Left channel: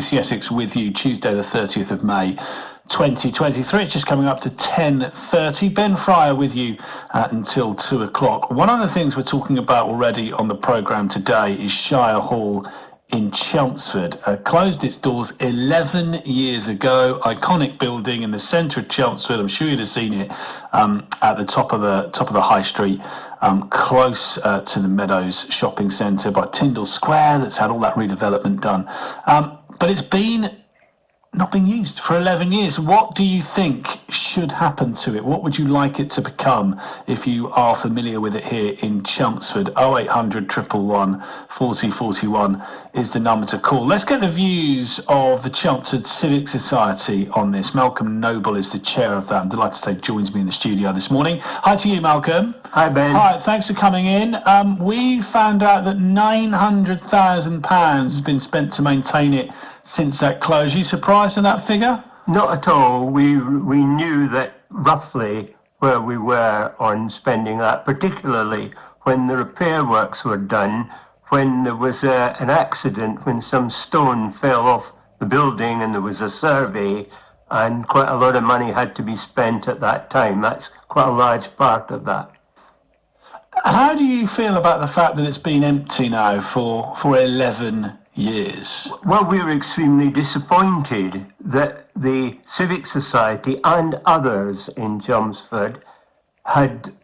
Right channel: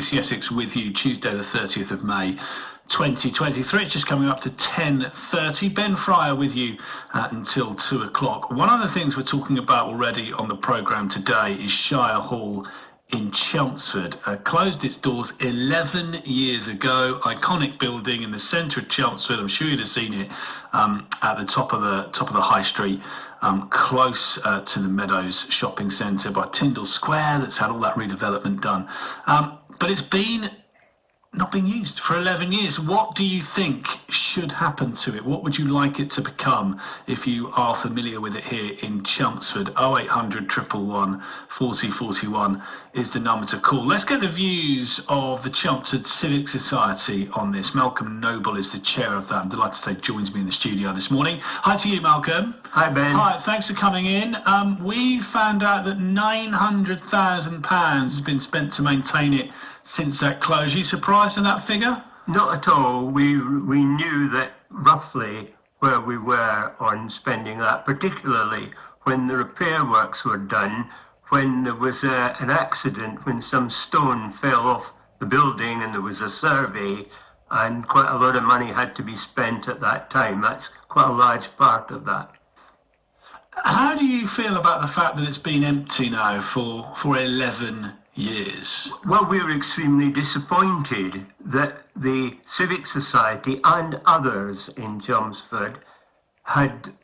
BBC Essex with you Tuesday the 30th of May 2023. It's just coming up to 10:30. Ben Fryer with you until 2 o'clock. One of the things we're talking about already on the programme today is Shire Hall in Chelmsford. Closed its doors 11 years ago. Iconic building in the centre of Chelmsford. I'm sure you'd have seen it at the top of the high street, close to the Meadows shopping centre by Tyndall Square. That's had all that redevelopment done, but it's not been used for 11 years. What do you think should happen to it? What would you like it to become if you are familiar with it here in Chelmsford? 0800 111 4041 is the number to call. Let's get the views of the Chelmsford Civic Society on this. Malcolm Noble is the chair of that. I'm delighted to say joins me in the studio this morning. Hi to you, Malcolm. Hi, Ben. Hi, thanks for coming in. We found out that £900,000 has been spent to maintain it since that closure. You surprised at that figure? Not at all. We knew that roughly where we were on spending that, particularly when the repair works were done, when there was an accident, when some stone fell off the building and there was a survey, and quite a lot of money had to be spent at that time. That's quite a large part of that. How do you feel about the fact that it's been empty now for 11 years? Well, we were extremely disappointed that the Civic Society and others in Chelmsford had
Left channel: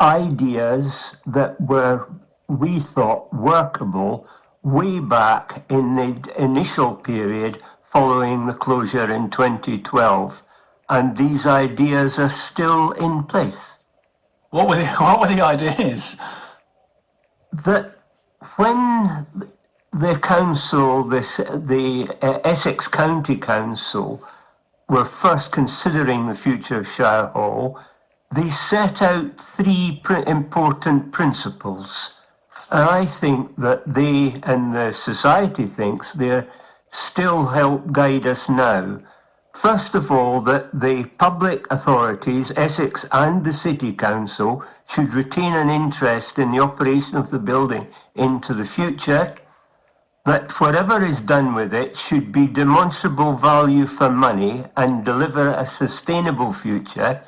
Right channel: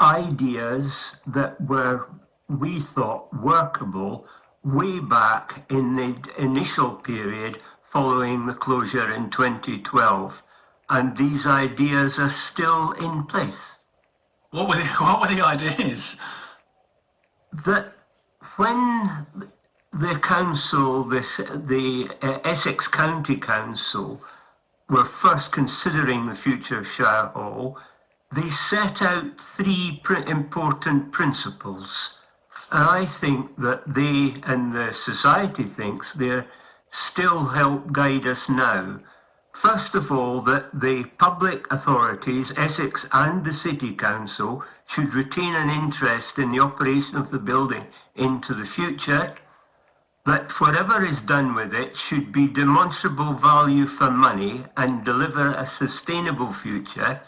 ideas that were, we thought, workable way back in the initial period following the closure in 2012. And these ideas are still in place. What were the ideas? That when the council, the Essex County Council, were first considering the future of Shire Hall, they set out three important principles. And I think that they and the society thinks they still help guide us now. First of all, that the public authorities, Essex and the City Council, should retain an interest in the operation of the building into the future, that whatever is done with it should be demonstrable value for money and deliver a sustainable future,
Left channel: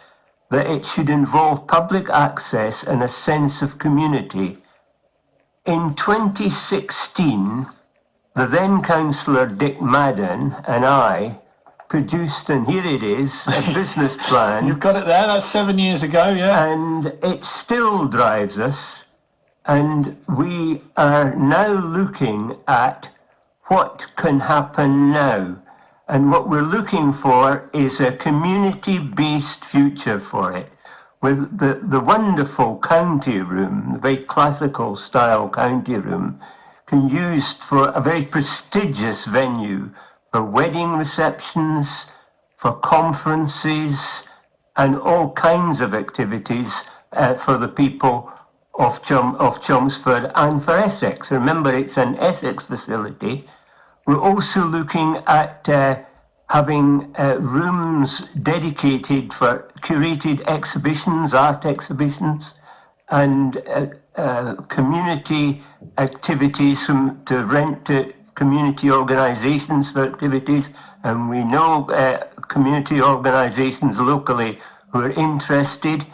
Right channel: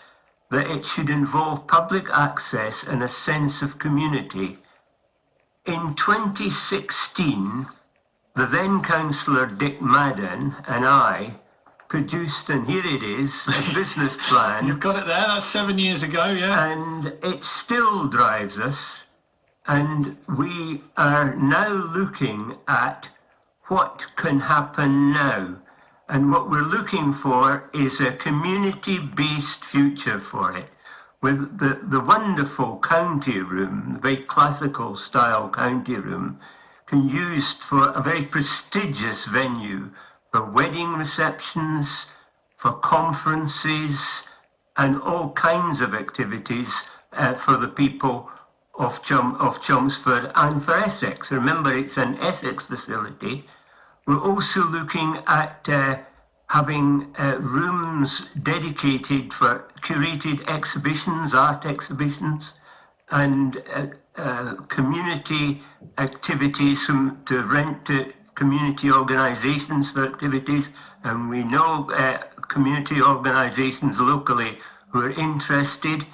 that it should involve public access and a sense of community. In 2016, the then councillor Dick Madden and I produced, and here it is, a business plan. You've got it there, that's 7 years ago, yeah. And it still drives us. And we are now looking at what can happen now. And what we're looking for is a community-based future for it, with the wonderful county room, the very classical style county room, can be used for a very prestigious venue for wedding receptions, for conferences, and all kinds of activities for the people of Chelmsford and for Essex. Remember, it's an Essex facility. We're also looking at having rooms dedicated for curated exhibitions, art exhibitions, and community activities to rent to community organisations for activities. And we know community organisations locally who are interested.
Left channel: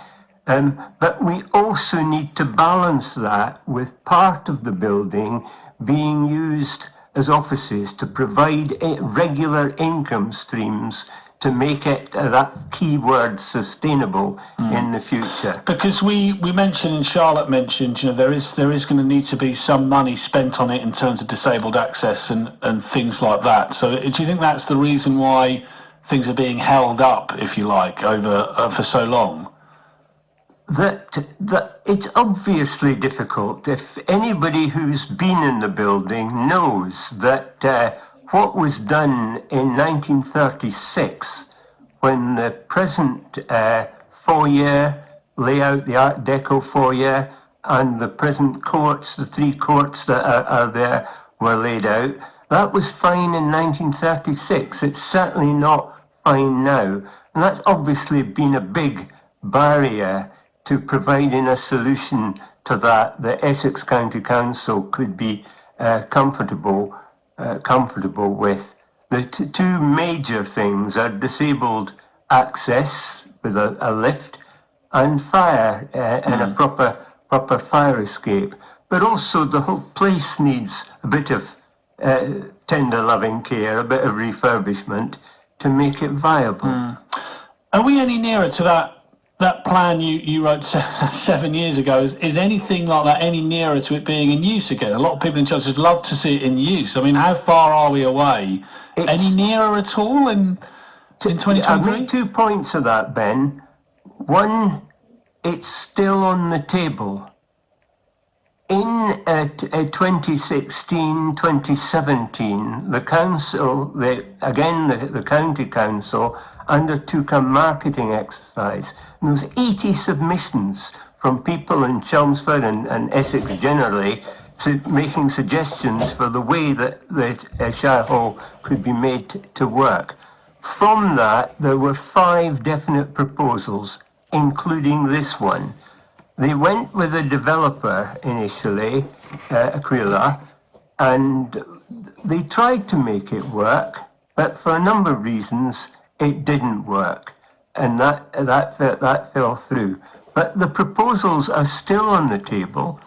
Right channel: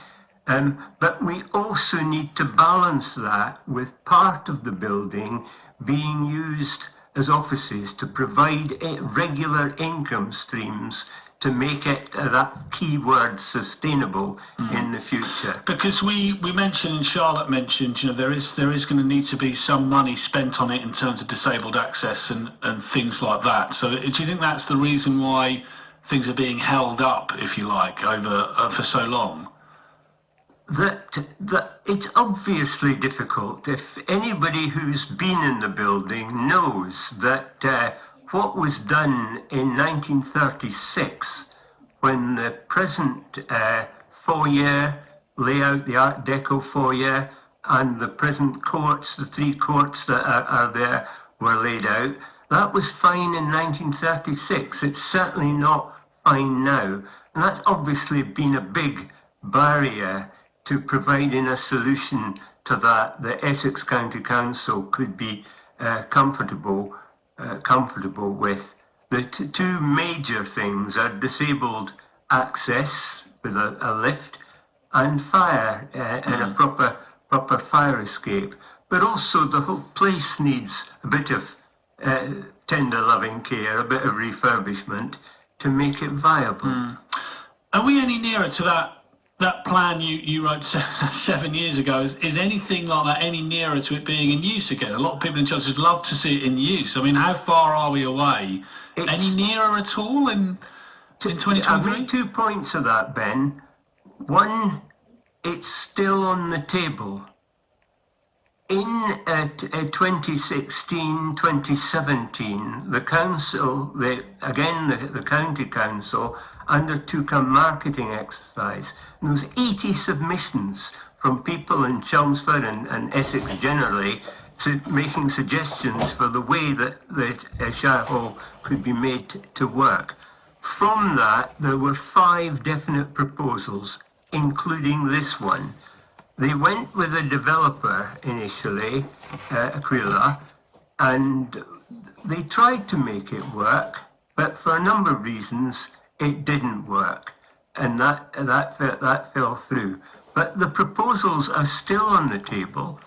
But we also need to balance that with part of the building being used as offices to provide regular income streams to make it that key word sustainable in the future. Because we mentioned, and Charlotte mentioned, there is going to need to be some money spent on it in terms of disabled access and things like that. So do you think that's the reason why things are being held up, if you like, over for so long? That it's obviously difficult. If anybody who's been in the building knows that what was done in 1936, when the present foyer layout, the Art Deco foyer, and the present courts, the three courts that are there, were laid out, that was fine in 1936. It's certainly not fine now. And that's obviously been a big barrier to providing a solution to that. The Essex County Council could be comfortable comfortable with. The two major things are disabled access with a lift and fire and a proper fire escape. But also the whole place needs a bit of tender loving care, a bit of refurbishment to make it viable. Are we any nearer to that plan you wrote 7 years ago? Is anything like that any nearer to it being in use again? A lot of people in Chelsea would love to see it in use. I mean, how far are we away? Any nearer at all in 2023? I've made 2 points of that, Ben. One, it's still on the table. In 2016, 2017, the council, the county council, undertook a marketing exercise. And there was 80 submissions from people in Chelmsford and Essex generally, making suggestions for the way that Shire Hall could be made to work. From that, there were 5 definite proposals, including this one. They went with a developer initially, Aquila, and they tried to make it work, but for a number of reasons, it didn't work, and that fell through. But the proposals are still on the table.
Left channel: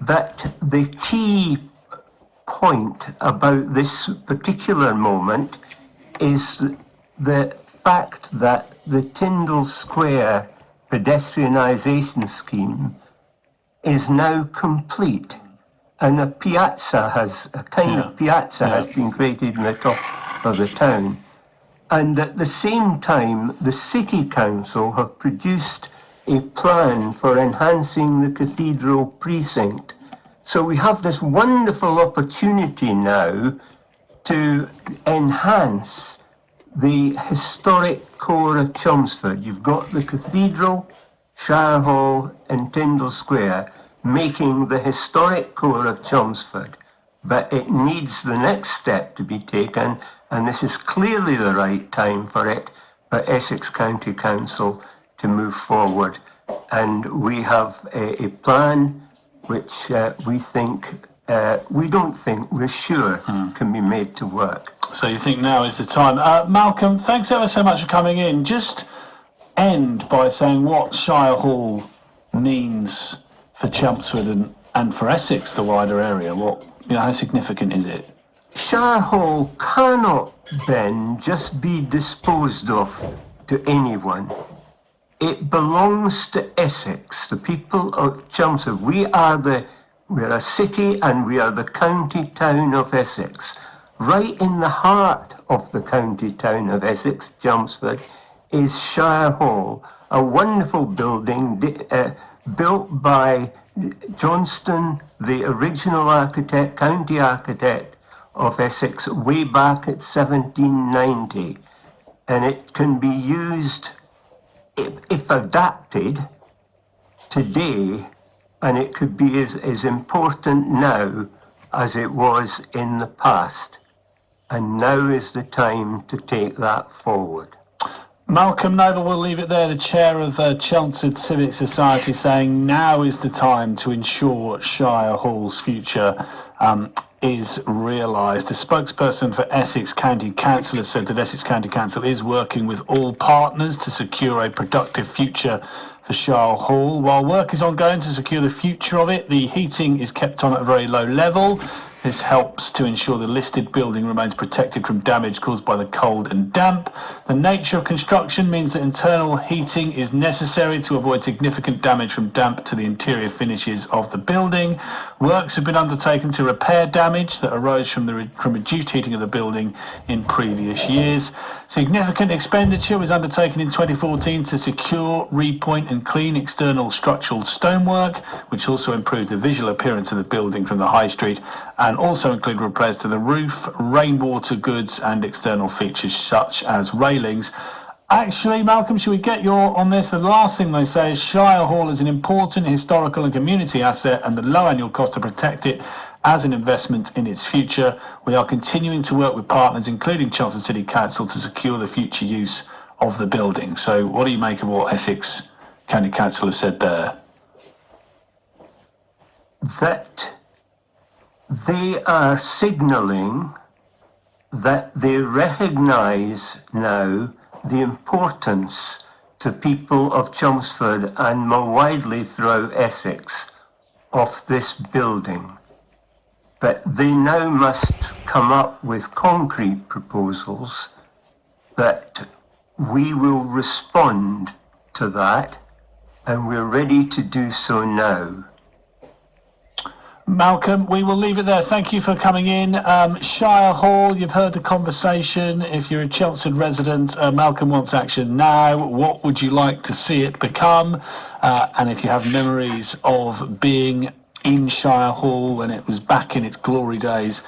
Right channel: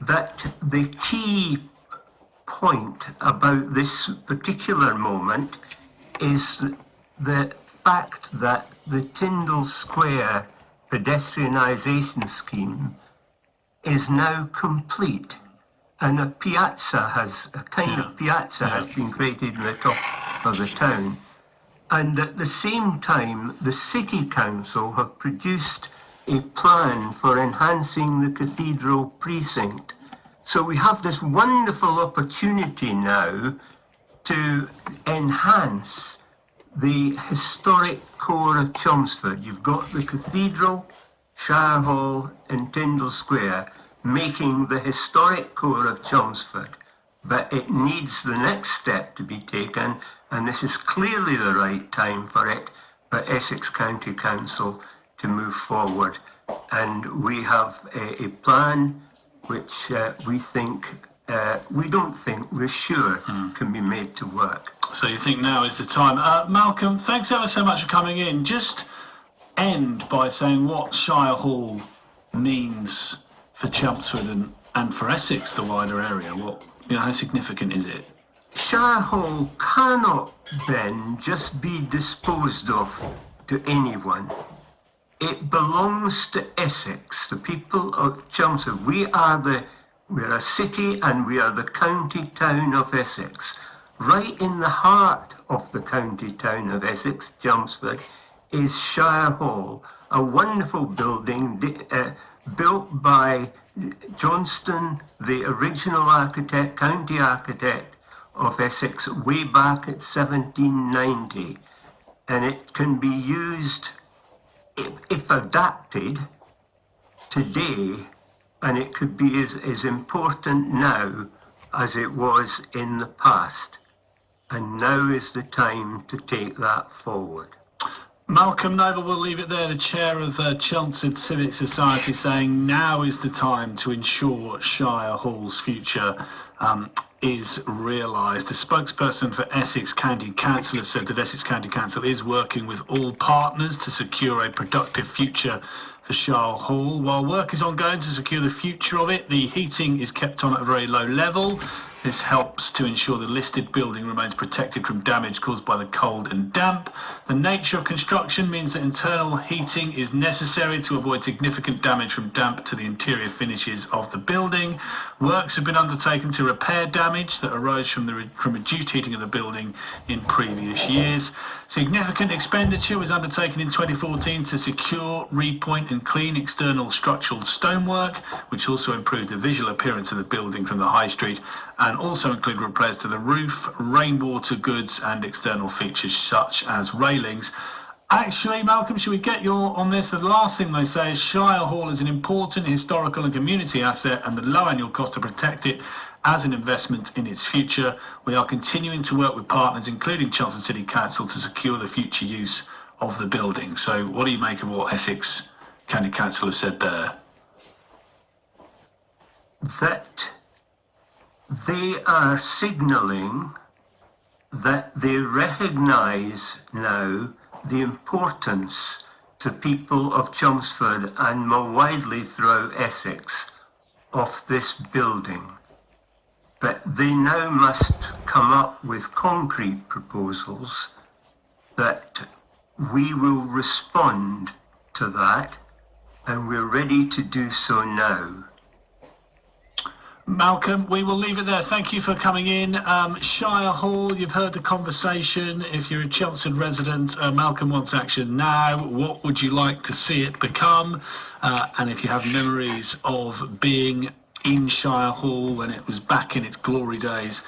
That the key point about this particular moment is the fact that the Tyndall Square pedestrianisation scheme is now complete, and a kind of piazza has been created in the top of the town. And at the same time, the City Council have produced a plan for enhancing the cathedral precinct. So we have this wonderful opportunity now to enhance the historic core of Chelmsford. You've got the cathedral, Shire Hall and Tyndall Square making the historic core of Chelmsford. But it needs the next step to be taken, and this is clearly the right time for it, for Essex County Council to move forward. And we have a plan which we're sure can be made to work. So you think now is the time. Malcolm, thanks ever so much for coming in. Just end by saying what Shire Hall means for Chelmsford and for Essex, the wider area. How significant is it? Shire Hall cannot, Ben, just be disposed of to anyone. It belongs to Essex, the people of Chelmsford. We're a city and we are the county town of Essex. Right in the heart of the county town of Essex, Chelmsford, is Shire Hall, a wonderful building built by Johnston, the original architect, county architect of Essex, way back at 1790. And it can be used, if adapted, today, and it could be as important now as it was in the past. And now is the time to take that forward. Malcolm Noble, we'll leave it there, the chair of Chelmsford Civic Society, saying now is the time to ensure Shire Hall's future is realised. The spokesperson for Essex County Council has said that Essex County Council is working with all partners to secure a productive future for Shire Hall. While work is ongoing to secure the future of it, the heating is kept on at a very low level. This helps to ensure the listed building remains protected from damage caused by the cold and damp. The nature of construction means that internal heating is necessary to avoid significant damage from damp to the interior finishes of the building. Works have been undertaken to repair damage that arose from reduced heating of the building in previous years. Significant expenditure was undertaken in 2014 to secure, repoint and clean external structural stonework, which also improved the visual appearance of the building from the high street, and also include repairs to the roof, rainwater goods and external features such as railings. Actually, Malcolm, should we get your on this? The last thing they say is Shire Hall is an important historical and community asset, and the low annual cost to protect it as an investment in its future. We are continuing to work with partners, including Chelmsford City Council, to secure the future use of the building. So what do you make of what Essex County Council has said there? That they are signalling that they recognise now the importance to people of Chelmsford and more widely throughout Essex of this building. But they now must come up with concrete proposals that we will respond to that, and we're ready to do so now. Malcolm, we will leave it there. Thank you for coming in. Shire Hall, you've heard the conversation. If you're a Chelmsford resident, Malcolm wants action now. What would you like to see it become? And if you have memories of being in Shire Hall when it was back in its glory days,